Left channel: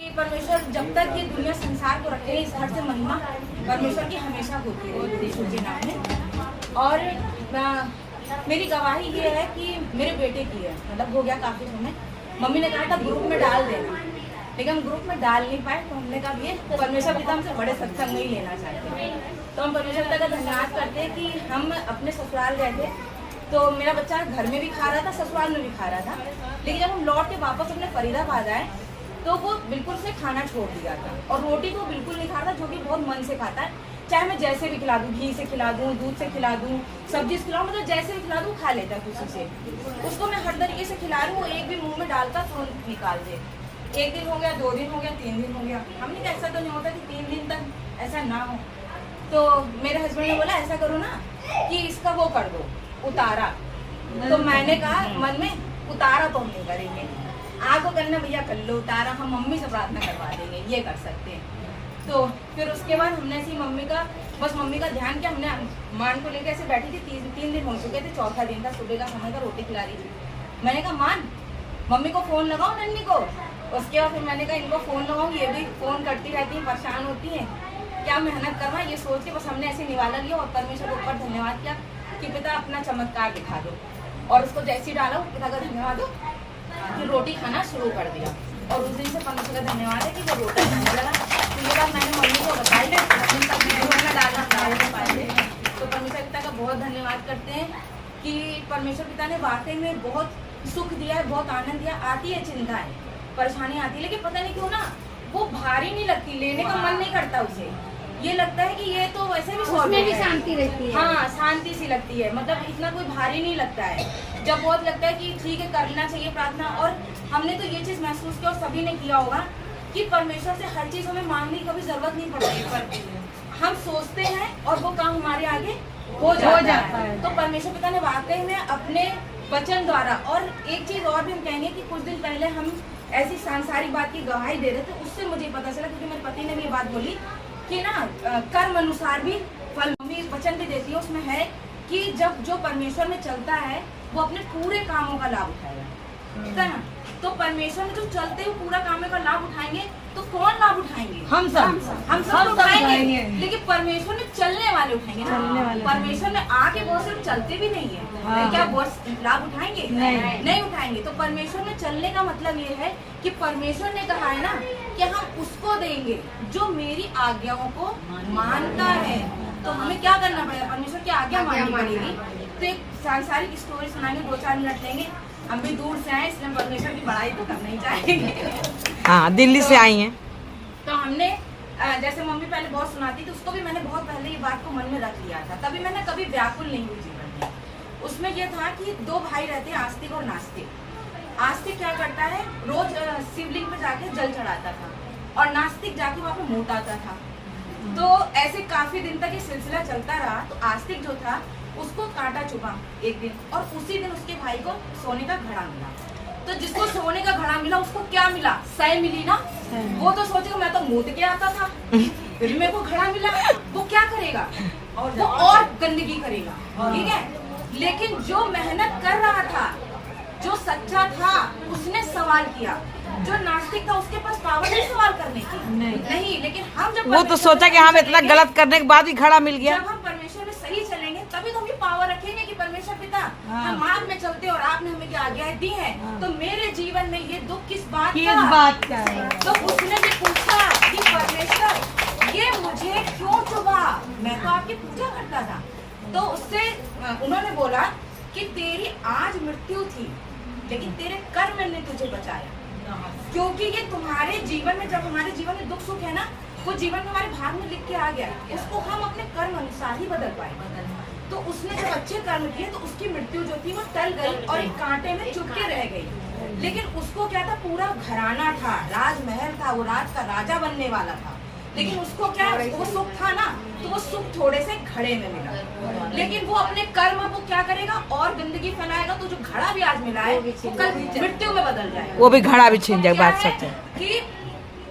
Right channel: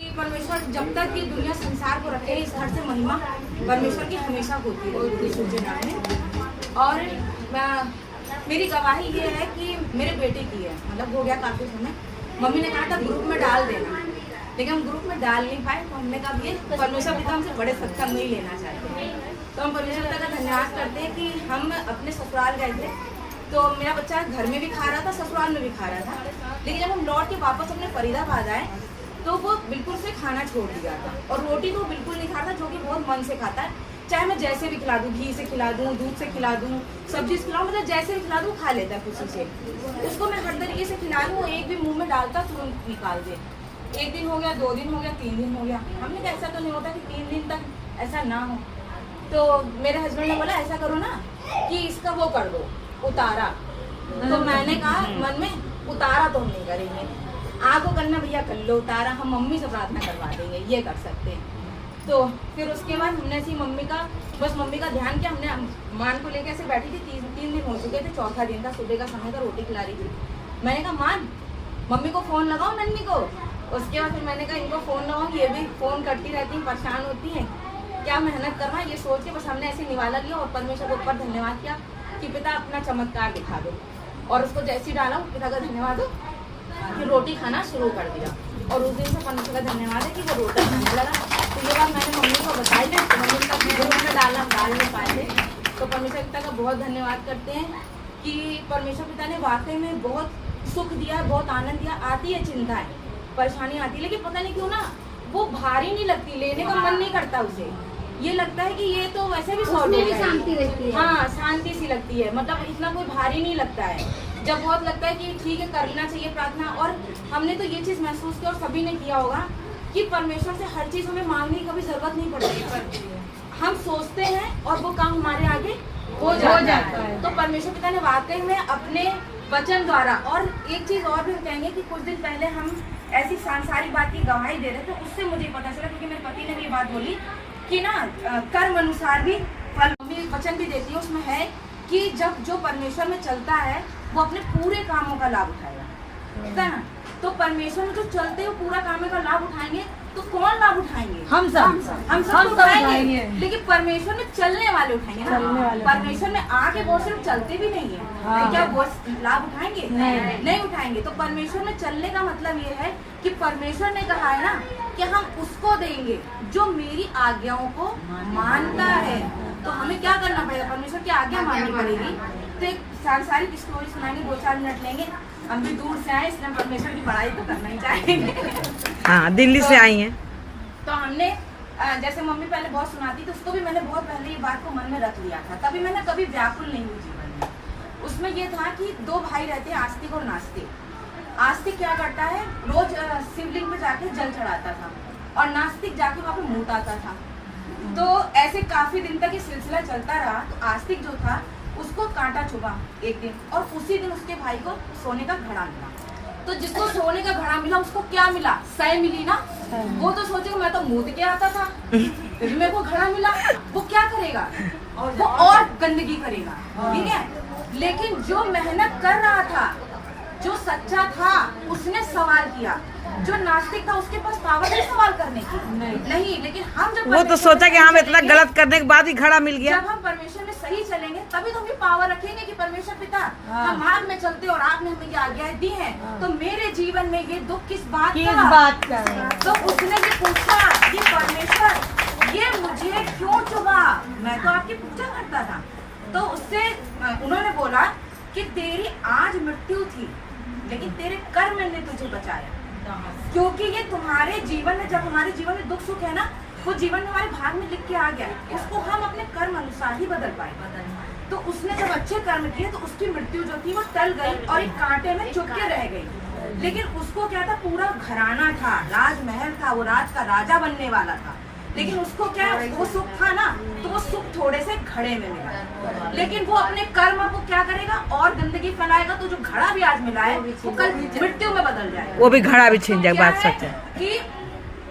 परमेश्वर जब तक ये दुनिया संसार को रखे, इस घर से महिमा परमेश्वर की हमेशा होती है सूर्य नाम में। और मेरी गवाही ये है कि मेरे बेटे की है, मतलब हो गया काफी समय। मम्मी ने कहा था ग्रुप में डाल देना, लेकिन हम ग्रुप में डाल नहीं पाए। तो हमने कहा ये परमेश्वर पिता हमसे बड़े सत्संग नहीं लेना चाहते हैं। तो हम परमेश्वर पिता का धन्यवाद करते हैं कि हम अपने ससुराल गए थे, तो मेरा बच्चा घर में भी खा रहा था, ससुराल में भी खा रहा था। लेकिन जब हम लौट के वापस अपने फरीदाबाद आए तो वो बिल्कुल से खाना छोड़ दिया था, और रोटी तो बिल्कुल नहीं खाता, जो कि बहुत मन से खाता है। चाहे मैं जैसे भी खिला दूं, घी से खिला दूं, दूध से खिला दूं, सब्जी से खिलाऊं, मतलब जैसे भी खिला दूं खा लेता है खुशी से। उसको मैं हर तरीके से खिला रही हूँ, एक भी मुंह में डालता तुरंत निकाल दे। 1 दिन हो गया, 2 दिन हो गया, 3 दिन हो गया। हमने कहा ऐसा तो नहीं होता कि 3 दिन तक ऐसा ना हो। तो मेरे हस्बैंड ने बोला ऐसा करो ना कि इसका वो कर दो, उतारा। तो मैंने कहा मन में उतारा तो हम नहीं करेंगे, आगो करने भैया कर लो, उतारा हम मम्मी से प्रार्थना करवा देंगे, ये कर सकते हैं। तो फिर उसके बाद हमने ऐसी मम्मी का ध्यान किया। हमने मान को लेकर ऐसे बैठी थी, 3 दिन हो चुके थे, 4था दिन था, सुबह का समय का, रोटी खिला रही थी। मैंने कहा मान मम्मी को फोन लगाओ, नन्नी को। उसके बाद फिर मैंने कहा इनको फोन लगाऊं, ये भी फोन करती रहती है, परेशान होती है, क्या मेहनत करना है, ये सोच के बस हमने ऐसे निवाला लिया और परमेश्वर के ऊपर धन्यवाद किया कि पिता अपना चमत्कार दिखा दो। और उसको जैसी डाला पिता का धन्यवाद हो, फिर रोटी खाना शुरू कर दिया। और उस दिन से परमेश्वर का धन्यवाद है कि वो रोटी खाने लगा। तो ये बात मैंने मम्मी को बताई थी, मम्मी का वीडियो में डाल नहीं पाए थे। तो परमेश्वर पिता का बहुत धन्यवाद करते हैं कि परमेश्वर पिता ने वाकई में बहुत सुख दिया है, बहुत आनंद दिया। आती है चिंताएं, परेशानी आती है, लेकिन पता नहीं क्यों ना वो भारी नहीं लगती, लेने का मन नहीं करता उसे। ये लगता है कि ये तो वैसे भी उसमें भी शांति रहती है। हाँ, शांति सी लगती है, मतलब इतना कोई भारी नहीं लगता है। जब बहुत लगता है कि ठीक है करना चाहिए प्रार्थना। और हमने तो ये चीज महसूस किया और सभी ने किया होगा कि परमेश्वर से हर चीज हमें मांगने की कभी जरूरत नहीं पड़ती। हम सोचते हैं और वो काम हमारे आगे हो जाता है। तो परमेश्वर पिता ने वाकई में अपने वचन द्वारा, और एक चीज और भी हम कहेंगे कि कुछ दिन पहले हम ऐसी सांसारिक बात की गवाही दे रहे थे, उससे मुझे पता चला, क्योंकि मेरे पति ने भी ये बात बोली कि ना कर्म अनुसार भी फल। मम्मी वचन भी देती है, उसमें है कि जब जो परमेश्वर में चलता है वो अपने पूरे कामों का लाभ उठाएगा, ठीक है ना। तो परमेश्वर में जो चलते हुए पूरा कामों का लाभ उठाएंगे तो कौन लाभ उठाएंगे? हम सब उठाएंगे, लेकिन परमेश्वर में चलने वाले उठाएंगे ना। परमेश्वर में आके बहुत सिर्फ चलते भी नहीं है, क्या बहुत लाभ उठाएंगे? नहीं उठाएंगे। तो परमेश्वर में चलने का मतलब ये है कि परमेश्वर ने कहा है ना कि हम उसको देंगे जो मेरी आज्ञाओं को मानता है। तो हमें क्या करना पड़ेगा? परमेश्वर की आज्ञा माननी पड़ेगी। तो एक सांसारिक स्टोरी सुनाएंगे, 2-4 मिनट लेंगे। हम भी दूर से आए, इसलिए परमेश्वर की बड़ाई तो करना ही चाहेंगे। हाँ, दिल्ली से आई हैं। तो हमने जैसे मम्मी पहले बहुत सुनाती थी, उसको भी मैंने बहुत पहले ये बात को मन में रख लिया था, तभी मैंने कभी व्याकुल नहीं हुई जीवन में। उसमें ये था कि 2 भाई रहते हैं, आस्तिक और नास्तिक। आस्तिक क्या करता है, रोज शिवलिंग पे जाके जल चढ़ाता था, और नास्तिक जाके वहाँ पे मुँह आता था। तो ऐसे काफी दिन तक ये सिलसिला चलता रहा। तो आस्तिक जो था उसको कांटा चुभा एक दिन, और उसी दिन उसके भाई को सोने का घड़ा मिला। तो जिसको सोने का घड़ा मिला उसको क्या मिला? सह मिली ना। वो तो सोचेगा मैं तो मुँह के आता था, फिर मेरे को घड़ा मिला। वो क्या करेगा? वो और गंदगी करेगा, ठीक है। लेकिन जो मेहनत कर रहा था, जो सच्चा था, उसने सवाल किया। जो नास्तिक था उसके पास पावर नहीं सवाल करने की, नहीं। लेकिन हम जब वो तो सोचा कि हाँ इतना गलत करने के बाद भी घड़ा मिल गया। जब हम परमेश्वर में सही चलेंगे तभी तो हम पावर रखेंगे कि परमेश्वर पिता हम मार्ग में चलते और आपने हमें क्या आज्ञाएं दी हैं। तो मेरे जीवन में ये दुख किस बात का है? तो उसने भी पूछा कि परमेश्वर ये मुझे क्यों चुभा? मैं तो आपकी पूजा करता था। तो उससे उन्होंने बोला कि तेरी आज मृत्यु थी, लेकिन तेरे कर्म ने तुझे बचाया। क्योंकि ये तुम्हारे जीवन में, जब हमारे जीवन में दुख सुख है ना, वो जीवन में हमारे भाग में लिख के आ गया, उसको हम अपने कर्म अनुसार ही बदल पाए। तो उसने जब अच्छे कर्म किए तो उसकी मृत्यु जो थी वो टल गई और एक कांटे में चुभ के रह गई। लेकिन उसको क्या था, पूरा घराना था, राजमहल था, वो राज का राजा बनने वाला था। लेकिन उसको क्या, वो सुख था ना, तो वो सुख थोड़े से घड़े में मिला। लेकिन वो अपने कर्म को क्या करेगा, और गंदगी फैलाएगा। तो जो घड़ा भी आज मिला है वो कल मृत्यु में बदल जाएगा, वो भी घड़ा भी छीन जाएगा। बात सच है कि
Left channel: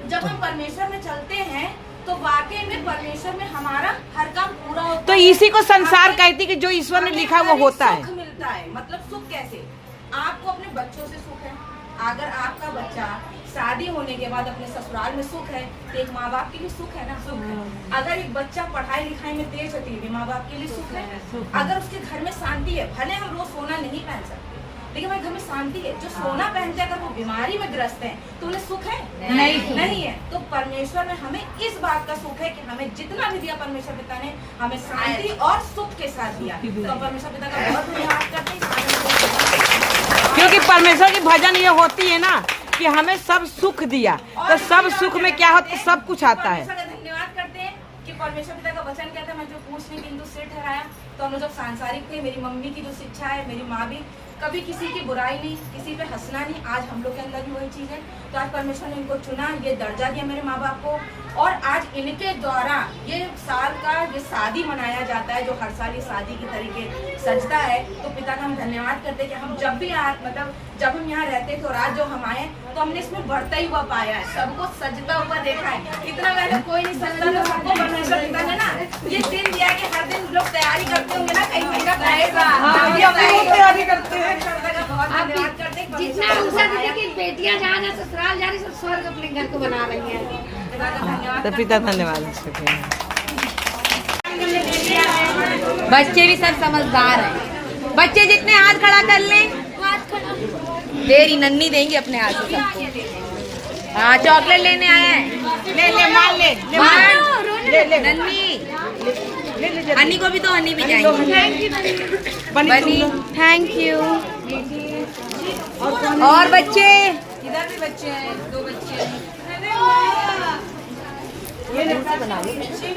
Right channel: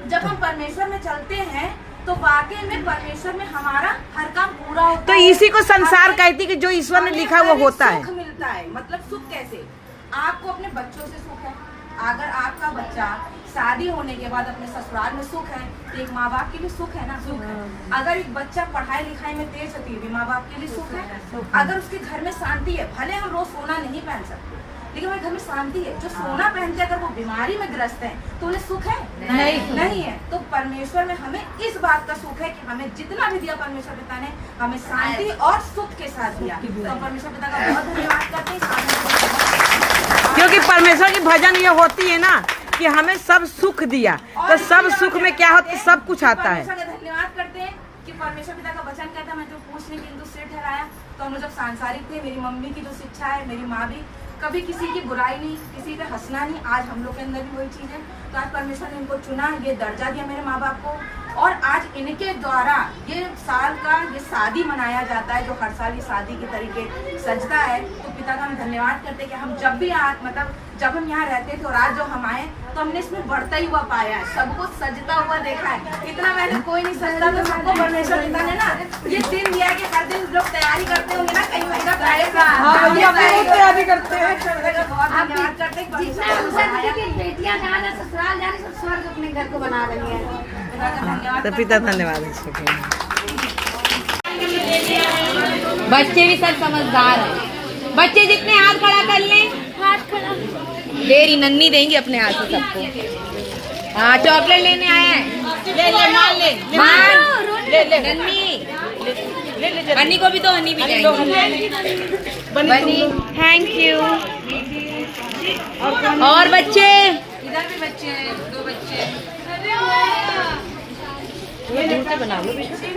जब हम परमेश्वर में चलते हैं तो वाकई में परमेश्वर में हमारा हर काम पूरा होता तो है। इसी को संसार कहती कि जो ईश्वर ने लिखा वो होता है। सुख मिलता है, मतलब सुख कैसे? आपको अपने बच्चों से सुख है। अगर आपका बच्चा शादी होने के बाद अपने ससुराल में सुख है तो एक माँ बाप के लिए सुख है ना, सुख है। अगर एक बच्चा पढ़ाई लिखाई में तेज होती है माँ बाप के लिए सुख है। अगर उसके घर में शांति है, भले हम रोज सोना नहीं पहन सकते लेकिन हमारे घर में शांति है। जो सोना पहनते हैं अगर वो बीमारी में ग्रस्त है तो उन्हें सुख है नहीं है। तो परमेश्वर में हमें इस बात का सुख है कि हमें जितना भी दिया परमेश्वर पिता ने हमें शांति और सुख के साथ दिया। तो परमेश्वर पिता का बहुत धन्यवाद करते हैं, क्योंकि परमेश्वर की भजन ये होती है ना कि हमें सब सुख दिया, तो सब सुख में क्या होता है, सब कुछ आता है। धन्यवाद करते हैं कि परमेश्वर पिता का वचन कहता है, मैं जो पूछने के हिंदू सिर ठहराया। तो हम लोग जब सांसारिक थे, मेरी मम्मी की जो शिक्षा है, मेरी माँ भी कभी किसी की बुराई नहीं, किसी पे हंसना नहीं। आज हम लोग के अंदर भी वही चीज है। तो आज परमेश्वर ने इनको चुना, ये दर्जा दिया मेरे माँ बाप को, और आज इनके द्वारा ये साल का ये शादी मनाया जाता है, जो हर साल ये शादी के तरीके सजता है। तो पिता का हम धन्यवाद करते हैं कि हम जब भी मतलब जब हम यहाँ रहते थे और आज जो हम आए तो हमने इसमें बढ़ता ही हुआ पाया है, सबको सजता हुआ देखा है। इतना पहले कोई नहीं सजता था, सबको परमेश्वर पिता ने ना ये दिन दिया कि हर दिन लोग तैयारी करते होंगे ना, कहीं महीना तैयारी करते हैं। धन्यवाद करते हैं जितना अवसर की बेटियां जहाँ जहाँ ससुराल जा रही सब स्वर्ग अपने घर को बना रही है। तो पिता धन्यवाद है। बच्चे भी सब समझदार हैं। बच्चे जितने हाथ खड़ा कर लें, देरी नन्नी देंगे अपने हाथ से सबको। हाँ, चॉकलेट लेने आया है, ले नन्नी, हनी को भी तो हनी भी जाएंगे। Thank you. और बच्चे इधर भी बच्चे हैं, 2 बच्चे।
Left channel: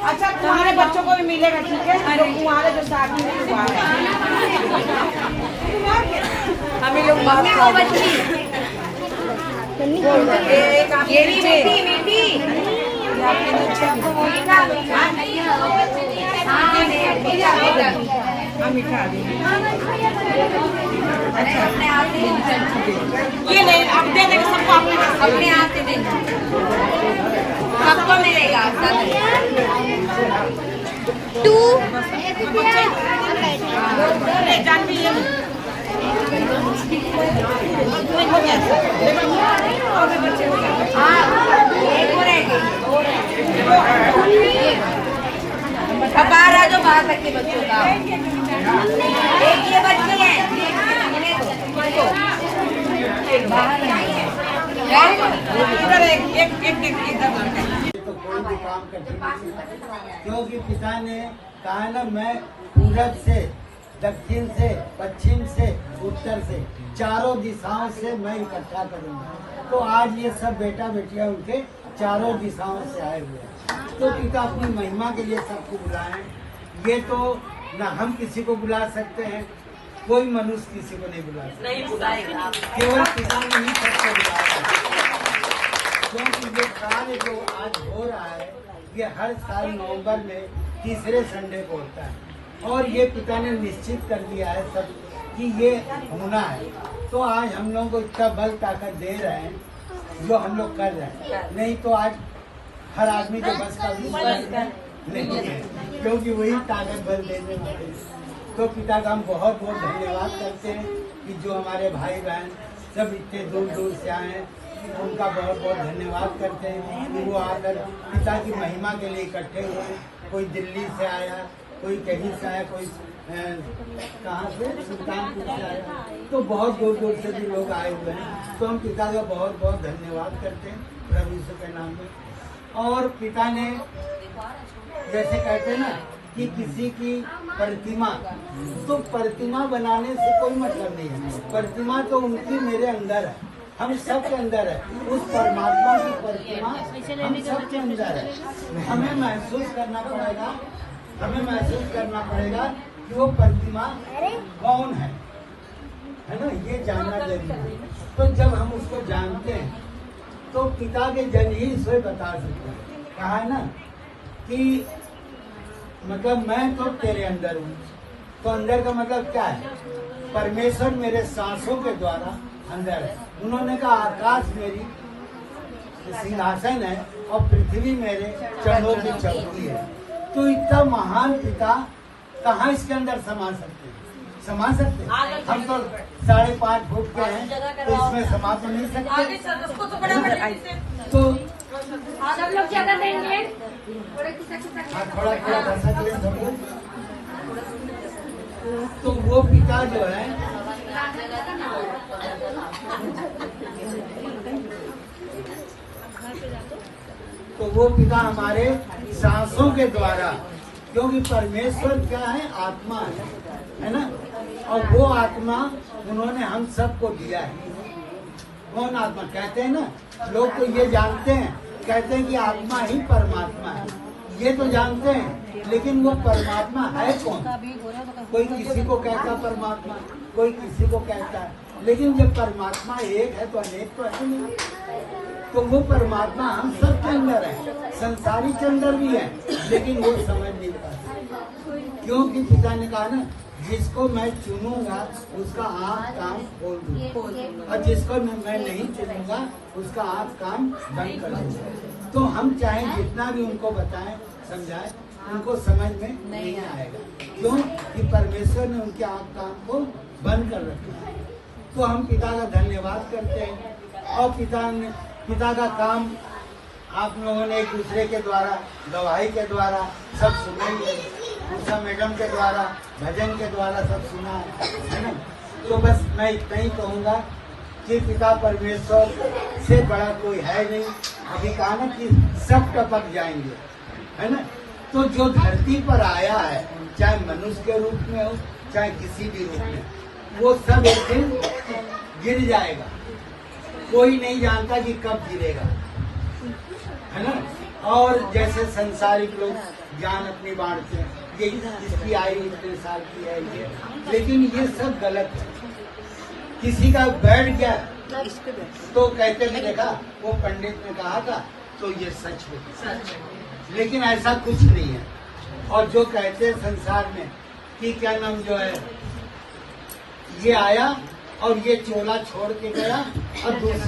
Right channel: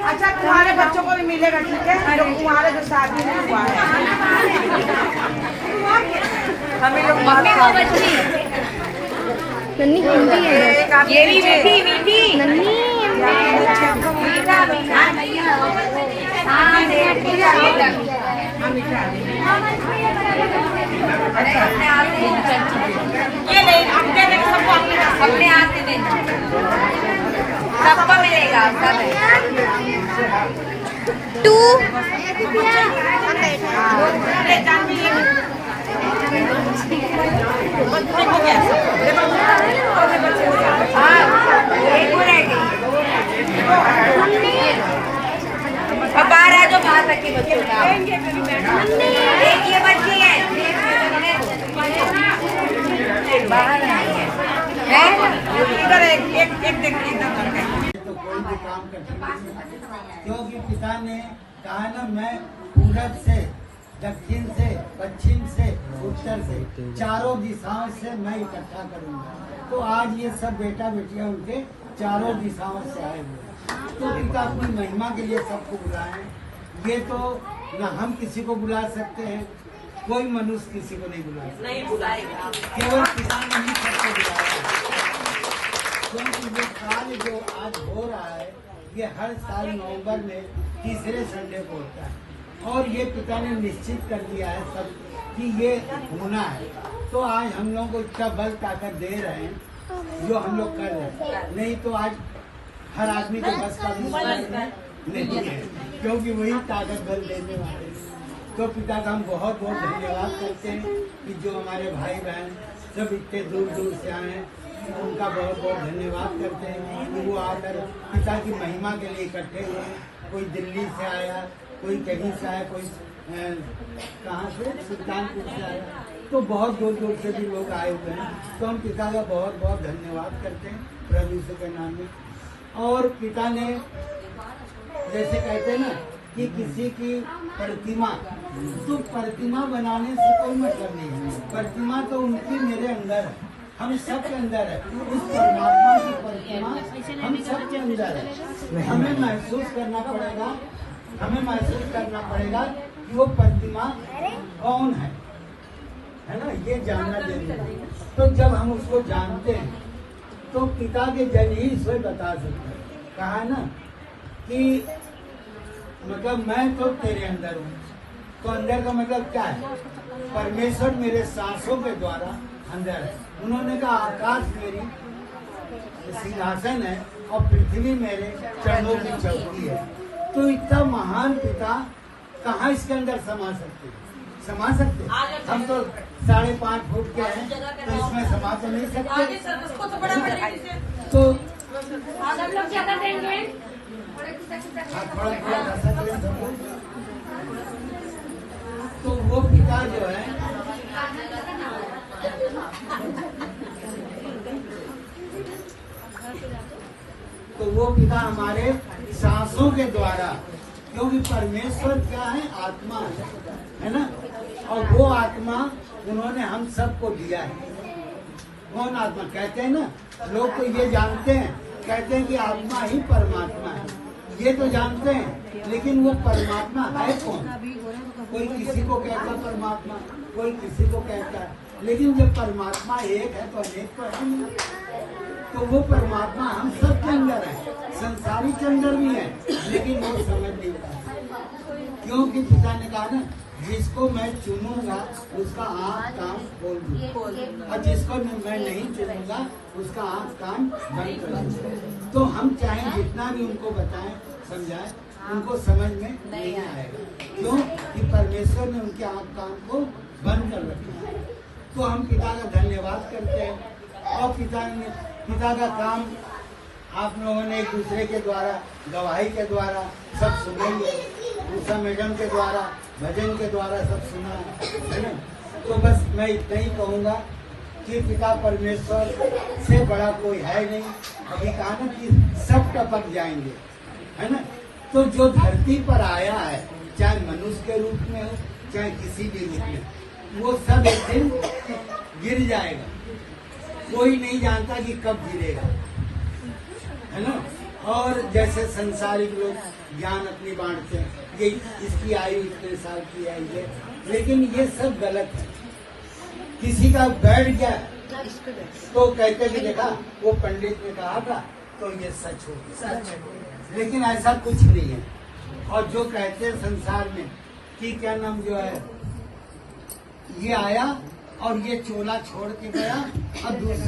अच्छा, तुम्हारे बच्चों को भी मिलेगा, ठीक है? तुम्हारे जो शादी नहीं हुआ है हमें लोग ये भी बेटी बेटी ये ले, आप दे देंगे सबको अपने हाथ से दे दो, सबको मिलेगा। टू बारह जो बाहर तक के बच्चों का एक ये बच्ची है, बाहर इधर एक तो कोई भी काम कठिन नहीं है, क्योंकि पिता ने कहा ना, मैं पूरब से, दक्षिण से, पश्चिम से, उत्तर से, चारों दिशाओं से मैं इकट्ठा करूंगा। तो आज ये सब बेटा बेटियां उनके चारों दिशाओं से आए हुए हैं। तो पिता अपनी महिमा के लिए सबको बुलाए। ये तो न हम किसी को बुला सकते हैं, कोई मनुष्य किसी को नहीं बुला सकता, केवल पिता ने ही सबको बुलाया। क्योंकि ये काल जो आज हो रहा है, ये हर साल नवंबर में तीसरे संडे को होता है, और ये पिता ने निश्चित कर दिया है सब कि ये होना है। तो आज हम लोगों को इतना बल ताकत दे रहे हैं जो हम लोग कर रहे हैं, नहीं तो आज हर आदमी के बस का नहीं है, क्योंकि वही ताकत बल देने वाले हैं। तो पिता का हम बहुत बहुत धन्यवाद करते हैं कि जो हमारे भाई बहन सब इतने दूर दूर से आए हैं, उनका बहुत बहुत धन्यवाद करते हैं कि वो आकर पिता की महिमा के लिए इकट्ठे हुए। कोई दिल्ली से आया, कोई कहीं से आया, कोई कहाँ से, सुल्तानपुर से आया, तो बहुत दूर दूर से भी लोग आए हुए हैं। तो हम पिता का बहुत बहुत धन्यवाद करते हैं प्रभु यीशु के नाम में। और पिता ने जैसे कहते हैं ना कि किसी की प्रतिमा, तो प्रतिमा बनाने से कोई मतलब नहीं है। प्रतिमा तो उनकी मेरे अंदर है, हम सब के अंदर है। उस परमात्मा की प्रतिमा हम सब के अंदर है। हमें महसूस करना पड़ेगा, हमें महसूस करना पड़ेगा कि वो प्रतिमा कौन है ना, ये जानना जरूरी है। तो जब हम उसको जानते हैं तो पिता के जन ही स्वयं बता सकते हैं। कहा ना कि मतलब मैं तो तेरे अंदर हूँ, तो अंदर का मतलब क्या है? परमेश्वर मेरे सांसों के द्वारा अंदर है। उन्होंने कहा आकाश मेरी सिंहासन है और पृथ्वी मेरे चरणों की चौकी है। तो इतना महान पिता कहाँ इसके अंदर समा सकते हैं? समा सकते? हम तो 5.5 फुट के हैं, तो इसमें समा तो नहीं सकते। तो हाँ, थोड़ा कर सकते हैं सब लोग। तो वो पिता जो है तो वो पिता हमारे सांसों के द्वारा, क्योंकि परमेश्वर क्या है? आत्मा है ना? और वो आत्मा उन्होंने हम सबको दिया है। कौन आत्मा कहते हैं ना? लोग तो ये जानते हैं, कहते हैं कि आत्मा ही परमात्मा है, ये तो जानते हैं, लेकिन वो परमात्मा है कौन? कोई किसी को कहता परमात्मा, कोई किसी को कहता है, लेकिन जब परमात्मा एक है तो अनेक तो है नहीं। तो वो परमात्मा हम सब के अंदर है, संसारी के अंदर भी है, लेकिन वो समझ नहीं पाते। क्योंकि पिता ने कहा ना, जिसको मैं चुनूंगा उसका आँख कान खोल दूंगा, और जिसको मैं नहीं चुनूंगा उसका आँख कान बंद कर दूंगा। तो हम चाहे जितना भी उनको बताएं, समझाएं, उनको समझ में नहीं आएगा। क्यों? कि परमेश्वर ने उनके आँख कान को बंद कर रखा है। तो हम पिता का धन्यवाद करते हैं, और पिता का काम आप लोगों ने एक दूसरे के द्वारा, गवाही के द्वारा सब सुना ही है, उषा मैडम के द्वारा, भजन के द्वारा सब सुना है ना। तो बस मैं इतना ही कहूँगा कि पिता परमेश्वर से बड़ा कोई है नहीं। अभी कहा ना कि सब टपक जाएंगे, है ना। तो जो धरती पर आया है, चाहे मनुष्य के रूप में हो, चाहे किसी भी रूप में, वो सब एक दिन गिर जाएगा। कोई नहीं जानता कि कब गिरेगा, है ना। और जैसे संसारिक लोग ज्ञान अपनी बांटते हैं, ये इसकी आयु इतने साल की है ये, लेकिन ये सब गलत है। किसी का बैठ गया तो कहते कि देखा वो पंडित ने कहा था तो ये सच हो गया, लेकिन ऐसा कुछ नहीं है। और जो कहते हैं संसार में कि क्या नाम जो है, ये आया और ये चोला छोड़ के गया, अब दूसरा